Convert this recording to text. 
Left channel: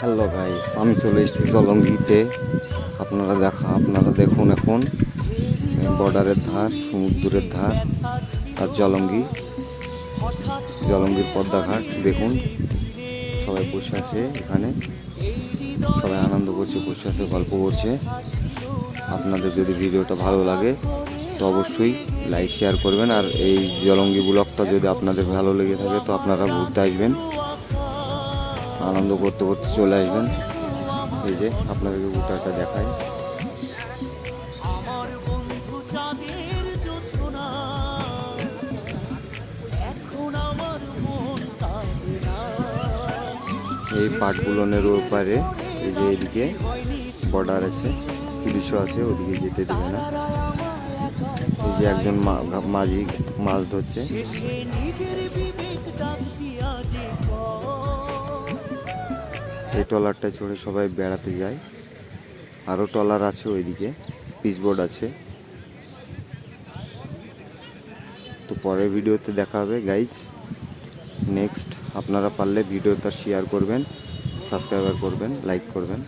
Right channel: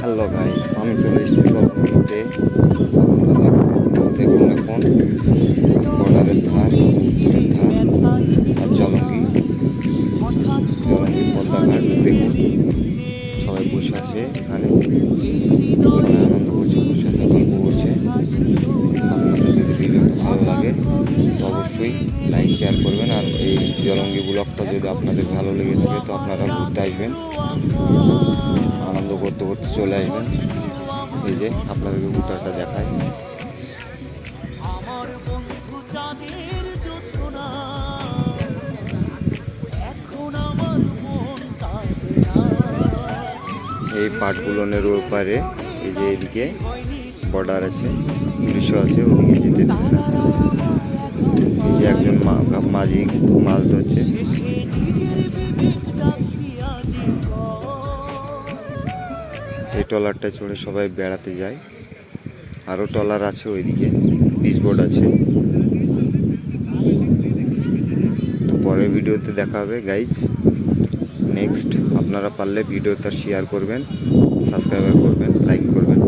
Hello guys, আমি চলে এসেছি জলঙ্গিতে। আপনারা দেখুন এখন বর্ডারের ধার, সমুদ্রের ধার আর জলঙ্গির পদ্মাঘাট দেখুন। সবাই বসে আছে এখানে, সবাই আনন্দ করছে, বসে আছে, গল্প করছে। আপনাদের যদি ভিডিওটা ভালো লাগে তো অবশ্যই লাইক শেয়ার করবেন। আর এই জলঙ্গি ব্লগটা যদি আপনাদের ভালো লেগে থাকে তো আপনারা ঘুরতে আসবেন, আনন্দ করতে করতে চলে আসবেন। এই যে আপনাদেরকে গোটাটা দেখায়। এই পাটগুলোনের ওপারে এই যে এদিকে বর্ডার আছে, পুলিশও আছে, ওদিকে যেতে দেবে না। এই যে একজন মাঝি মাছ ধরছে। এই ট্রলারটায় চড়ে সবাই বেড়াতে যায়। আরও ট্রলার আছে ওইদিকে, পিচ বোর্ড আছে। তো পরের ভিডিওতে দেখা হবে গাইজ। নেক্সট আপনারা পারলে ভিডিওটা শেয়ার করবেন, সাবস্ক্রাইব করবেন, লাইক করবেন।